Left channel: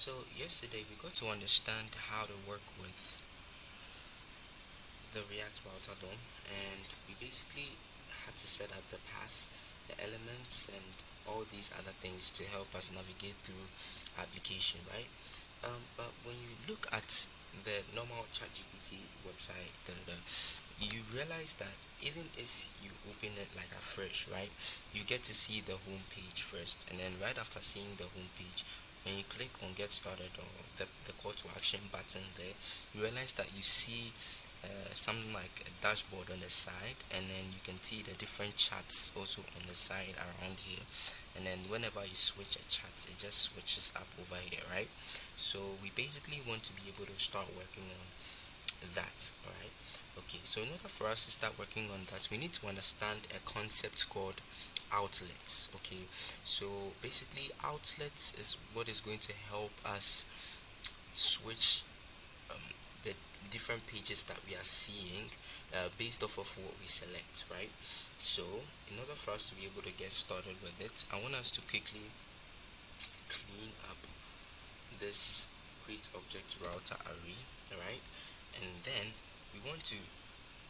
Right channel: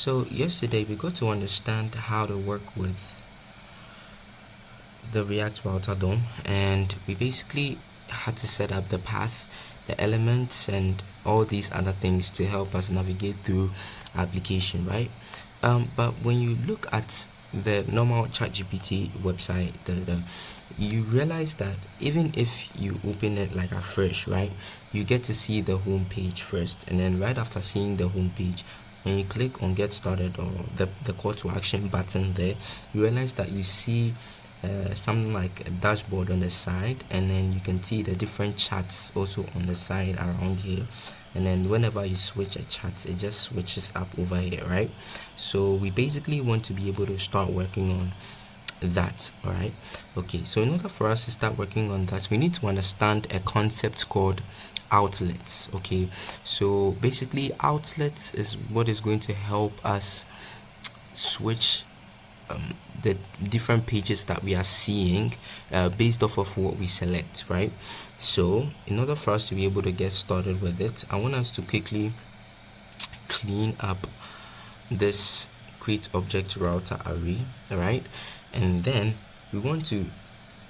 So yesterday we got to understand how to work with the React router DOM, and we basically had to set up the path, the elements, and all these other things to help us navigate through application, right? But when you look at the normal ChatGPT website, you realize that even if you open it like afresh, right, you get to see the home page first, and then right after seeing the home page, when you click on get started or the call to action button there, you realize that you see something like a dashboard on the side, and then you can see the different charts also on the side around here. And then whenever you switch a chart, it just switches up over here, right? So we basically want to be able to start working on that. All right, okay, so in order for us to start working on that, we need to understand a concept called outlets. Okay, so basically outlets is what is going to help us switch the different pages that we are seeing based off of what we select, right? So in order for us to be able to get started with it, I want us to quickly clean up this create object router array, all right? And then we want to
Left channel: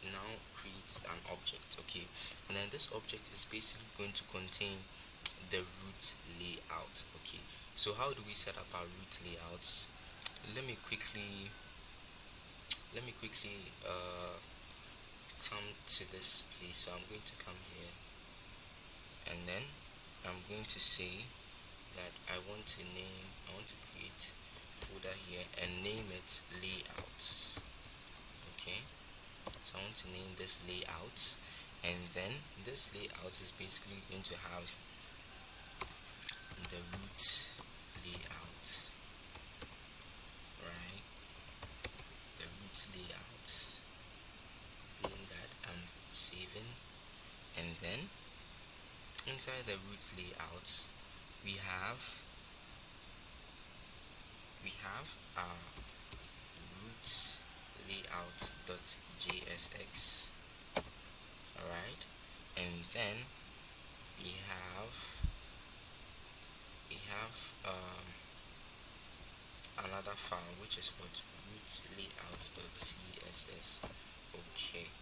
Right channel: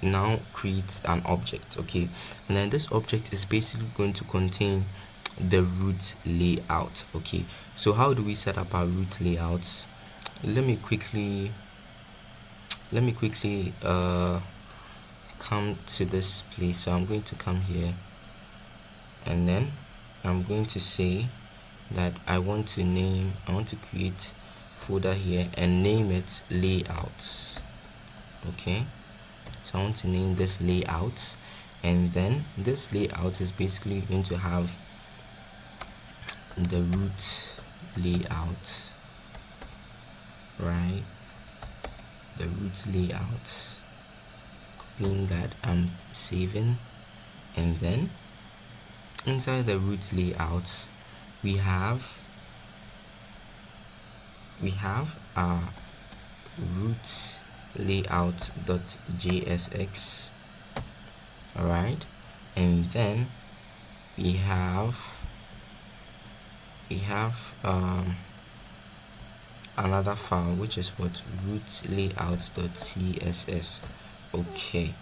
now create an object, okay? And then this object is basically going to contain the root layout, okay? So how do we set up our root layouts? Let me quickly come to this place. So I'm going to come here, and then I'm going to say that I want to create folder here and name it layouts. Okay, so I want to name this layouts, and then this layout is basically going to have the root layout, right? The root layout, copying that, I'm saving, and then inside the root layouts we have our root layout.jsx, all right, and then we have another file which is what root layout.css. Okay,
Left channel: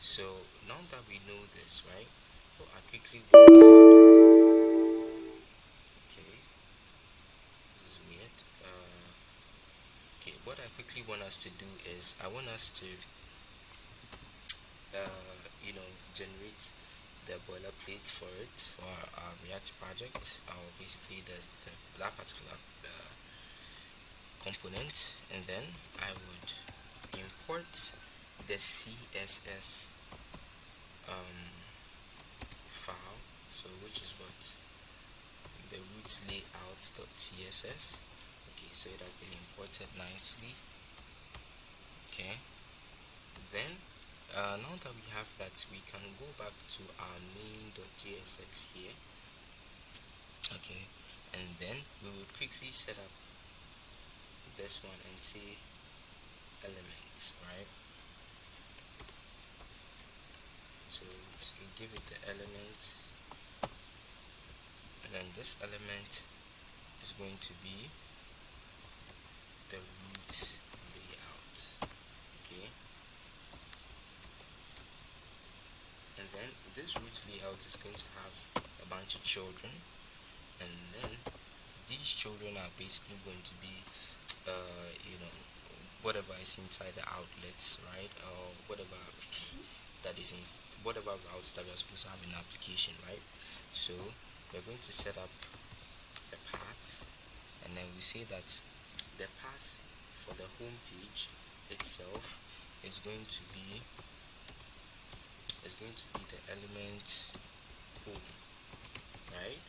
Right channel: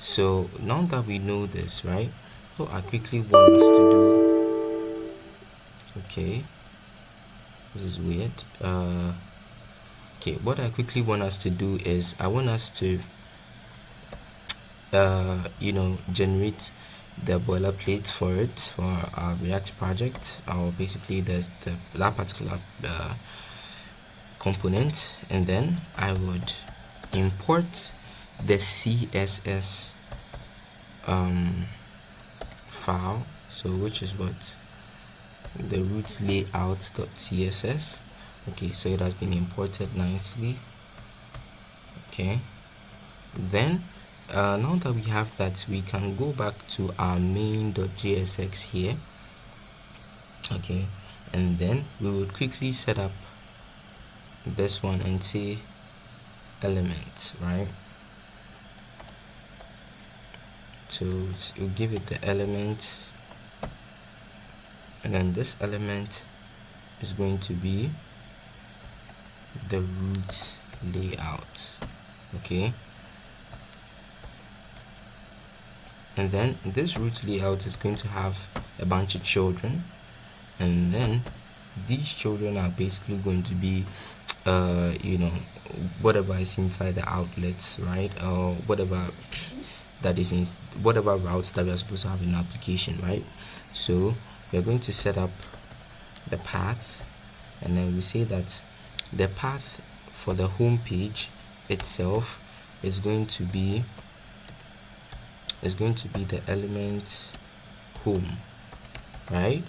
so now that we know this, right, so I quickly want us to do, okay, this is weird. Okay, what I quickly want us to do is I want us to generate the boilerplate for it, for our React project, or basically that particular component, and then I would import the CSS file, so which is what the root layout.css. okay, so it has been imported nicely. Okay, then now that we have that, we can go back to our main.jsx here. Okay, and then we would quickly set up this one and say element, right? So we'll give it the element, and then this element is going to be the root layout. Okay, and then this root layout is going to have a bunch of children, and then these children are basically going to be whatever is inside the outlets, right, or whatever that is in whatever routes that we are supposed to have in the application, right? So we're going to set up the path, and then we say that the path for the home page itself is going to be the element home, right?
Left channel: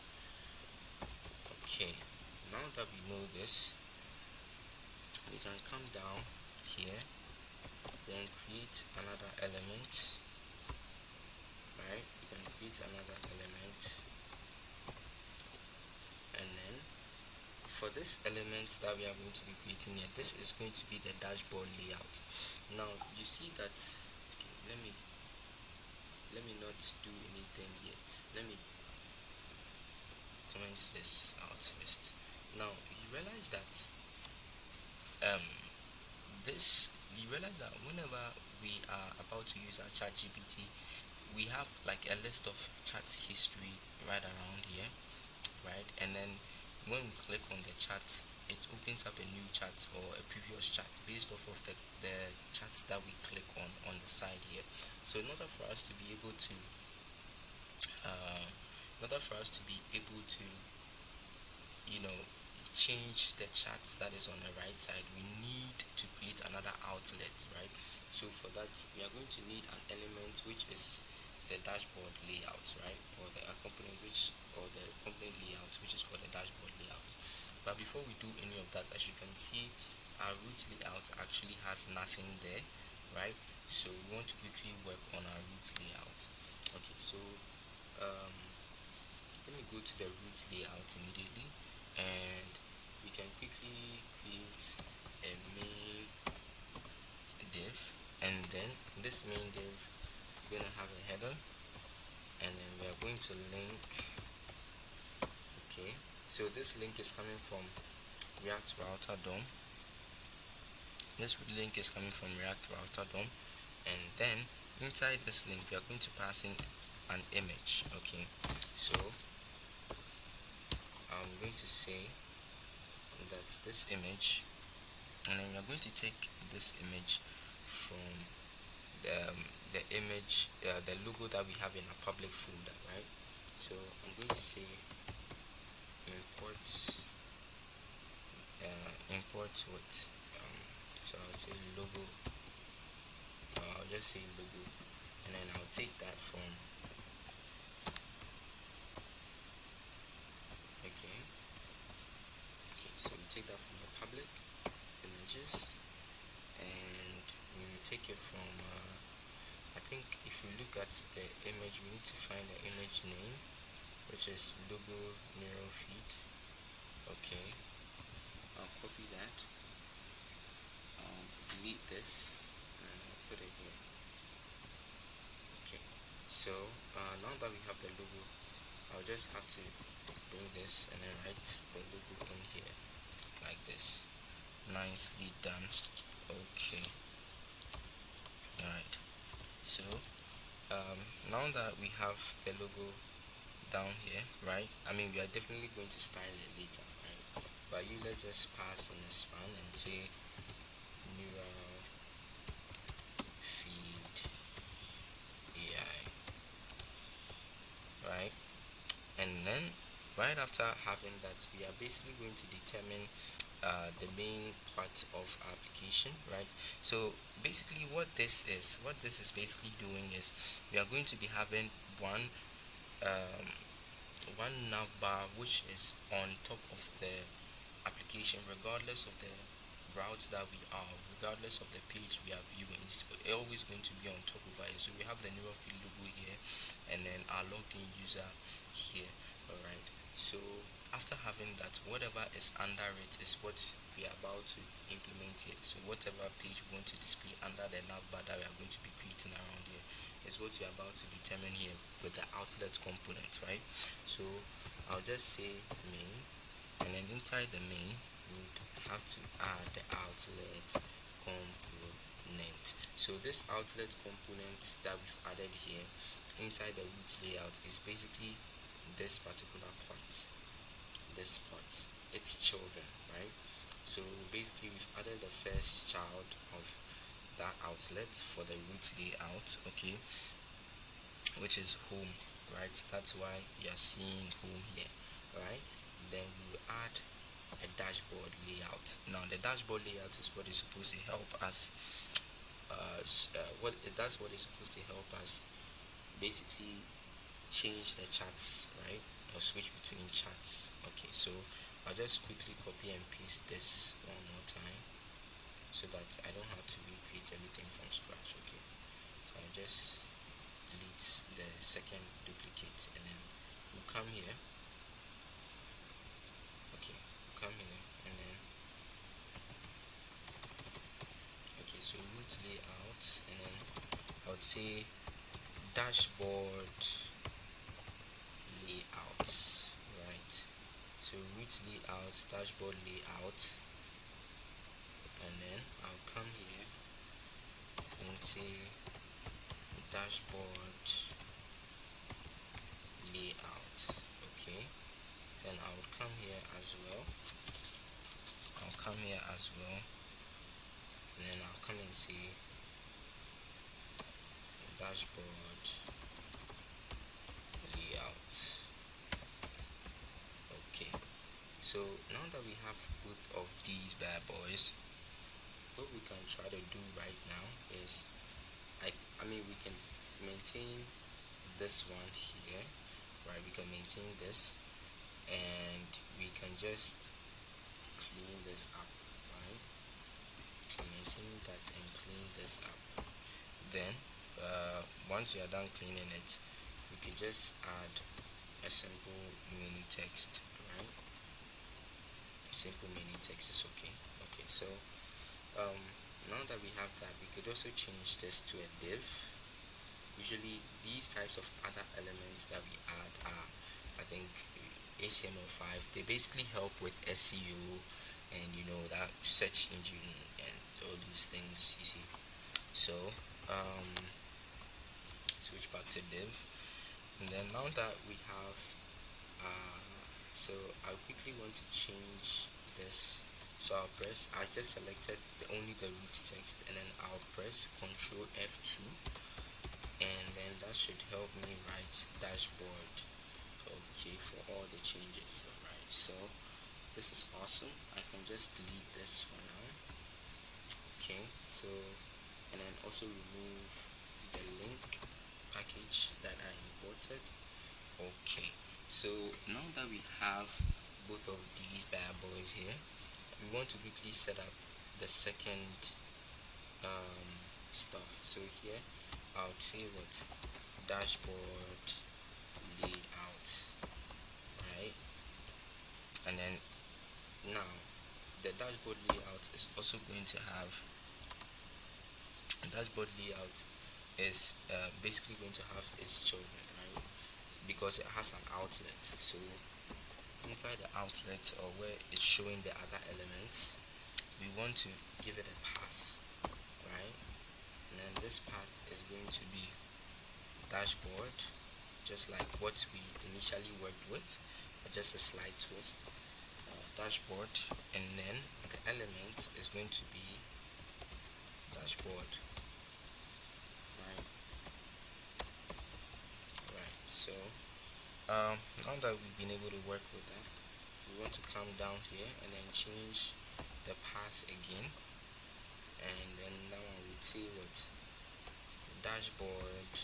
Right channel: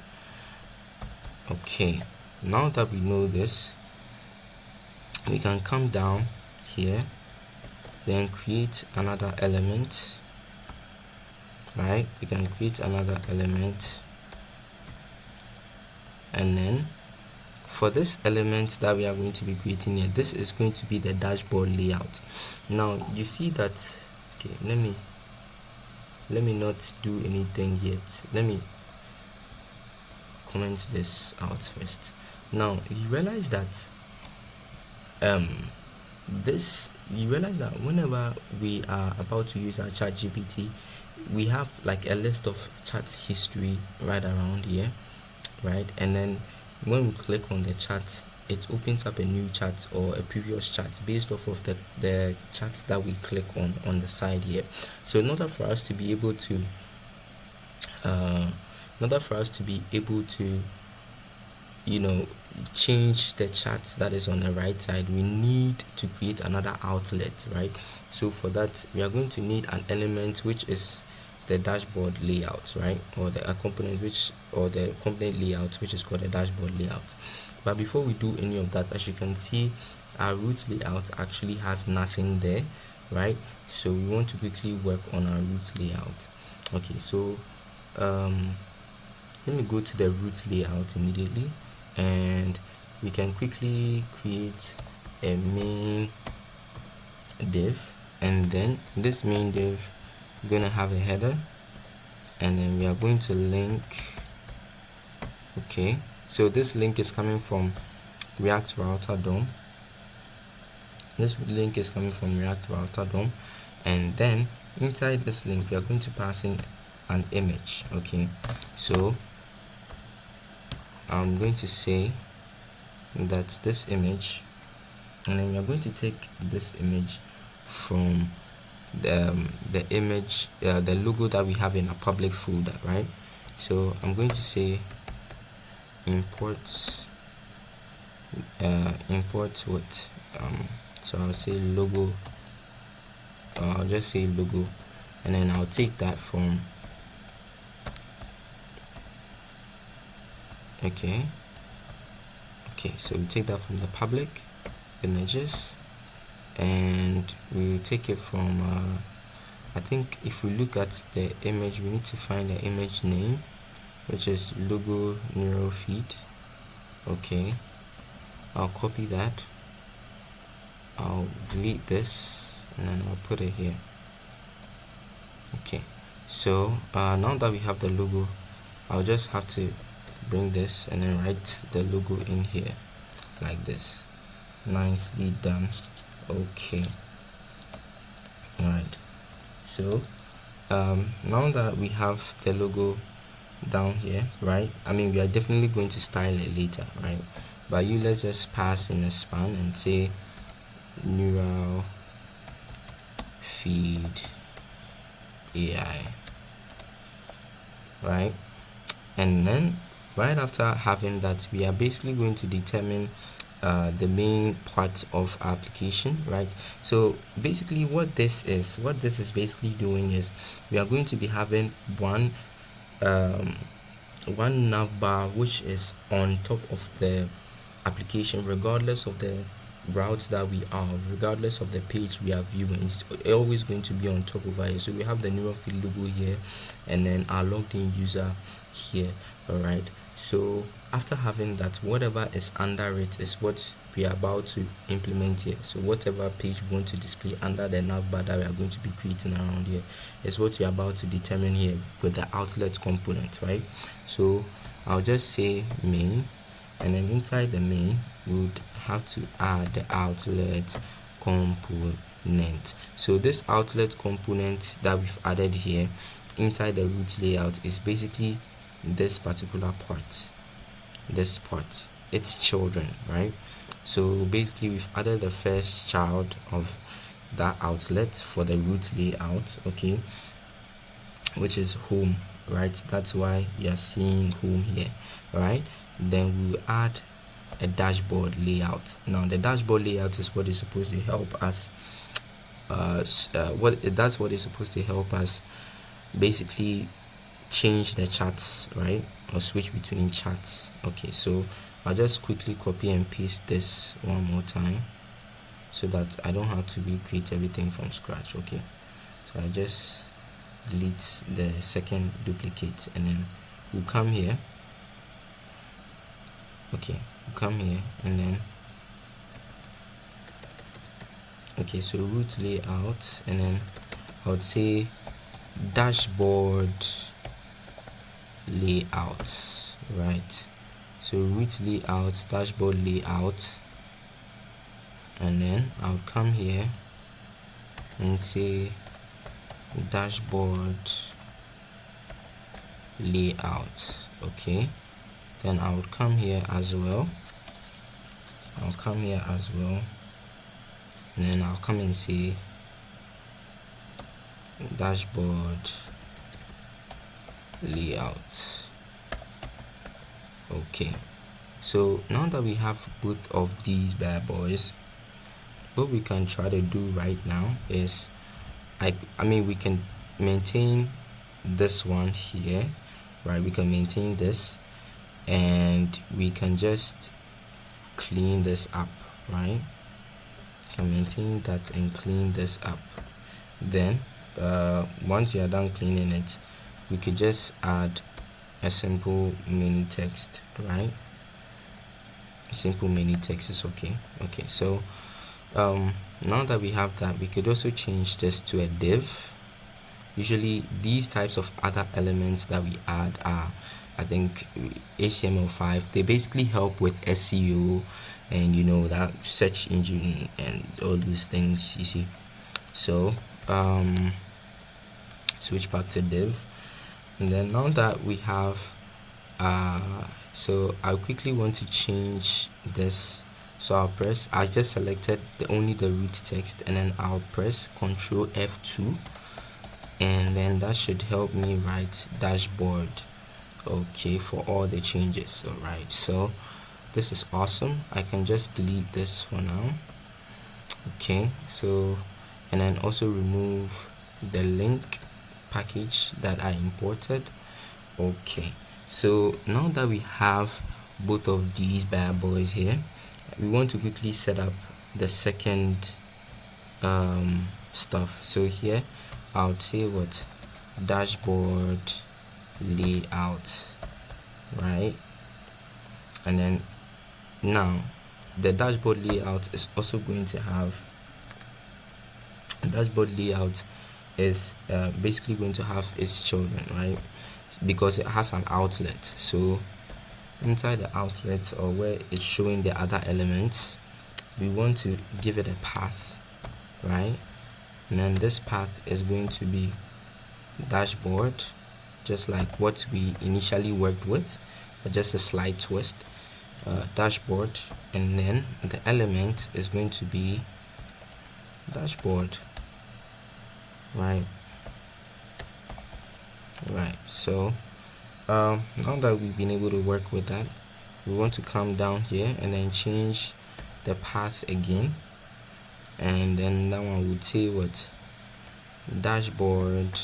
Okay, now that we know this, we can come down here, then create another element, right? We can create another element, and then for this element that we are going to be creating here, this is going to be the dashboard layout. Now you see that, okay, let me not do anything yet. Let me comment this out first. Now you realize that um this, you realize that whenever we are about to use our ChatGPT, we have like a list of chat history right around here, right? And then when we click on the chat, it opens up a new chat or a previous chat based off of the chats that we click on the side here. So in order for us to be able to you know, change the charts that is on the right side, we need to create another outlet, right? So for that, we are going to need an element which is the dashboard layout, right? Or the component or the component layout, which is called the dashboard layout. But before we do any of that, as you can see, our root layout actually has nothing there, right? So we want to quickly work on our root layout. Okay, so let me go to the root layout immediately, and we can quickly create a main div, and then this main div, we're gonna have a header, and then we are going to link. Okay, so this link is coming from React Router DOM. This link is coming from React Router DOM, and then inside this link we are going to pass in an image. Okay, so I'm going to say that this image, and then we are going to take this image from the image, the logo that we have in a public folder, right? So I'm going to say import what, so I'll say logo, I'll just say logo, and then I'll take that from, okay, so we take that from the public images, and we take it from I think if we look at the image, we need to find the image name, which is logo neural feed. Okay, I'll copy that, I'll delete this, and then I'll put it here. Okay, so now that we have the logo, I'll just have to bring this and then write the logo in here like this. Nicely done. Okay, alright, so now that we have the logo down here, right, I mean, we are definitely going to style it later, right? But let's just pass in a span and say neural feed AI, right? And then right after having that, we are basically going to determine the main part of our application, right? So basically what this is basically doing is we are going to be having one navbar which is on top of the application, regardless of the routes that we are, regardless of the page we are viewing. It's always going to be on top of it. So we have the neural feed logo here, and then our logged in user here. All right, so after having that, whatever is under it is what we are about to implement here. So whatever page we want to display under the navbar that we are going to be creating around here is what we are about to determine here with the outlet component, right? So I'll just say main, and then inside the main we would have to add the outlet component. So this outlet component that we've added here inside the root layout is basically this particular part, its children, right? So basically we've added the first child of that outlet for the root layout, okay, which is home, right? That's why you are seeing home here, right? Then we will add a dashboard layout. Now the dashboard layout is what is supposed to help us that's what is supposed to help us basically change the charts, right, or switch between charts. Okay, so I'll just quickly copy and paste this one more time so that I don't have to recreate everything from scratch. Okay, so I just delete the second duplicate, and then we'll come here. Okay, we'll come here, and then okay, so root layout, and then I would say dashboard layout, right? So root layout, dashboard layout, and then I'll come here and say dashboard layout. Okay, then I would come here as well. And then I'll come and say dashboard layout. Okay, so now that we have both of these bad boys, what we can try to do right now is I mean we can maintain this one here, right? We can maintain this and we can just clean this up, right? Can maintain that and clean this up. Then once you are done cleaning it, we could just add a simple menu text, right? Simple menu text is okay. Okay, so now that we have that, we could also change this to a div. Usually these types of other elements that we add are, I think, HTML5. They basically help with SEO and you know that search engine and all those things, you see. So switch back to div, and then now that we have so I quickly want to change this. So I just selected only the root text, and then I'll press Ctrl F2, and then that should help me write dashboard, okay, for all the changes. All right, so this is awesome. I can just delete this for now. Okay, so and then also remove the link package that I imported. Okay, so now that we have both of these bad boys here, we want to quickly set up the second stuff. So here I would say what dashboard layout, right? And then now the dashboard layout is also going to have basically going to have its children, right? Because it has an outlet. So inside the outlet, or where it's showing the other elements, we want to give it a path, right? And then this path is going to be dashboard, just like what we initially worked with, but just a slight twist. Dashboard, and then the element is going to be dashboard, right? So now that we've been able to work with that, we want to come down here and then change the path again, and then that one would say what dashboard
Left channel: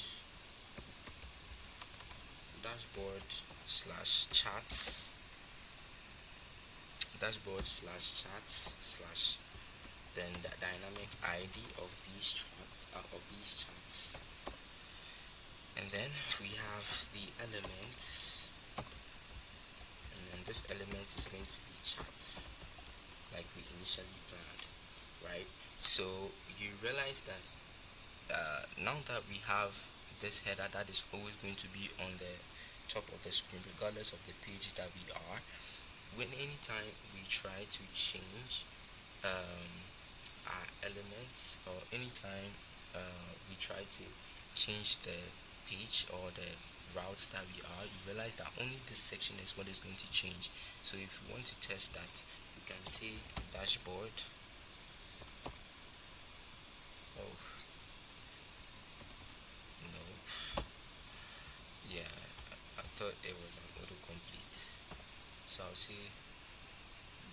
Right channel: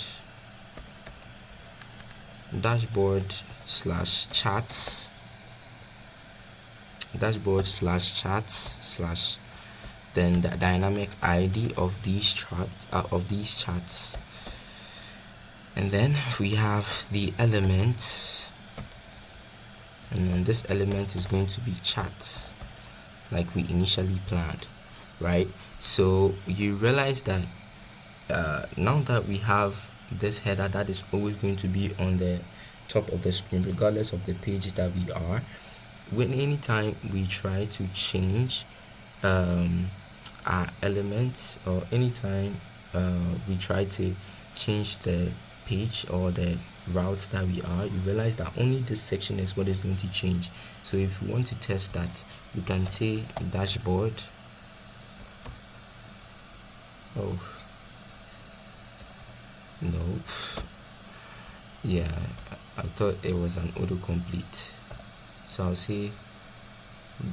slash chats slash then the dynamic ID of these chats, and then we have the elements, and then this element is going to be chats like we initially planned, right? So you realize that now that we have this header that is always going to be on the top of the screen regardless of the page that we are, when anytime we try to change our elements, or anytime we try to change the page or the routes that we are, you realize that only this section is what is going to change. So if you want to test that, we can say dashboard. Oh no, yeah, I thought it was an autocomplete. So I'll say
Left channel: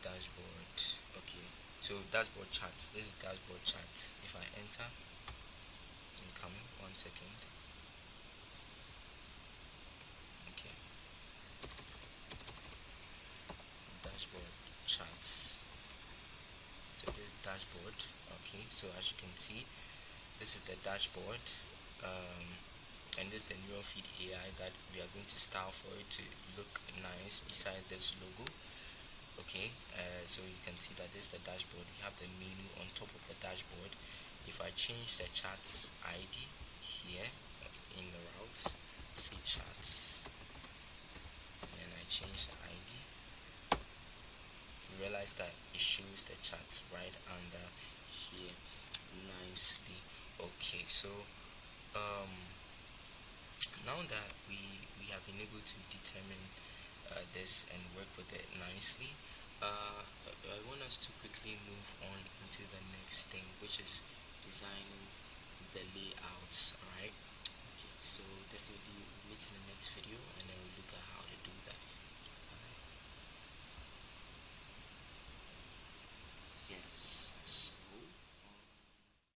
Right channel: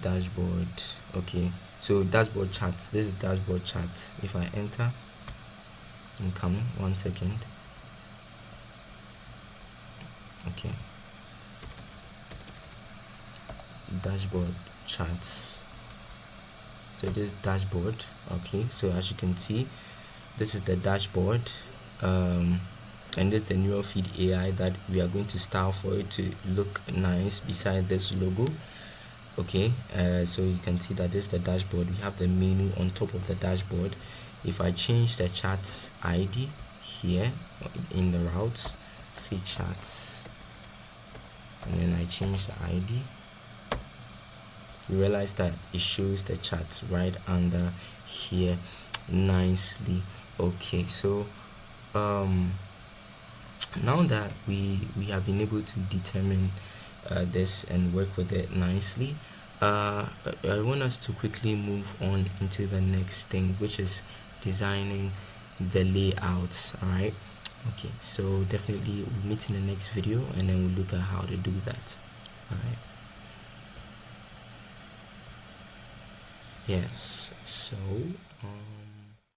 dashboard. Okay, so dashboard charts. This is dashboard charts. If I enter, I'm coming. 1 second. Okay, dashboard charts. So this is dashboard. Okay, so as you can see, this is the dashboard, and this is the neural feed AI that we are going to style for it to look nice beside this logo. Okay, so you can see that this is the dashboard. We have the menu on top of the dashboard. If I change the charts ID here in the routes, say charts, and then I change the ID, you realize that it shows the chat right under here nicely. Okay, so now that we have been able to determine this and work with it nicely, I want us to quickly move on into the next thing, which is designing the layouts. All right, okay, so definitely we'll meet in the next video and then we'll look at how to do that. All right, yes, so